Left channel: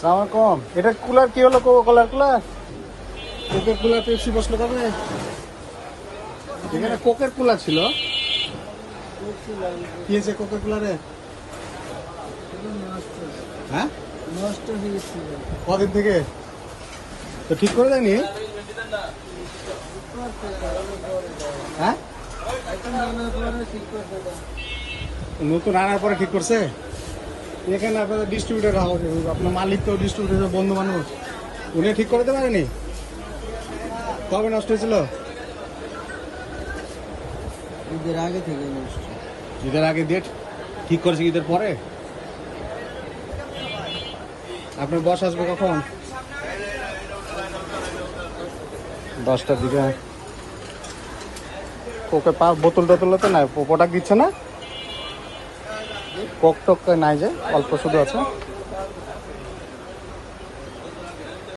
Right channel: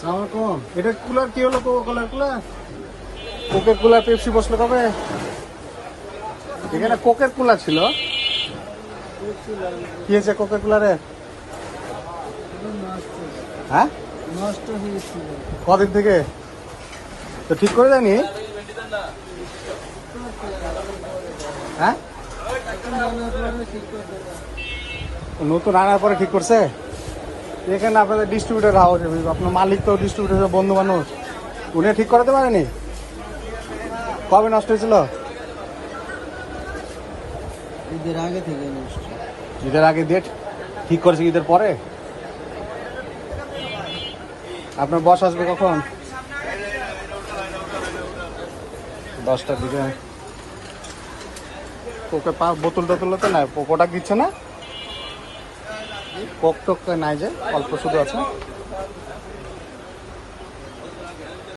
সালাম কম। এটা কুলার কি হলো? কোকার কুলার, কোকের কুলার পেপসি বসলো কবে? এখানে কোকের কুলার ছিল, কি হয়েছে কোকের কুলারে? হ্যাঁ, নষ্ট হয়ে গেছিল। কদিন থেকে তো ঠিক করে দেয়নি? হ্যাঁ, নতুন আনার পরে ঠিক করছে। এখানে আপনাদের ডিস্ট্রিবিউটার হাউস, আপনার মালিক তো ডিস্ট্রিবিউটার বন্ধু মানুষ, উনি ঠিক করাতে পারেনি? কবে নষ্ট হয়েছিল? ঈদের আগে থেকে নষ্ট। ঈদের আগে ডেট ঠিক করেছে, ঈদের পরে? আপনার বস আসবে কখন? 10টার দিকে। কোকে পাঁচ বোতল টোতল তো না, কোকোটা দিচ্ছে না, কোক টোক তো নাই যে অল্প শুধু আছে।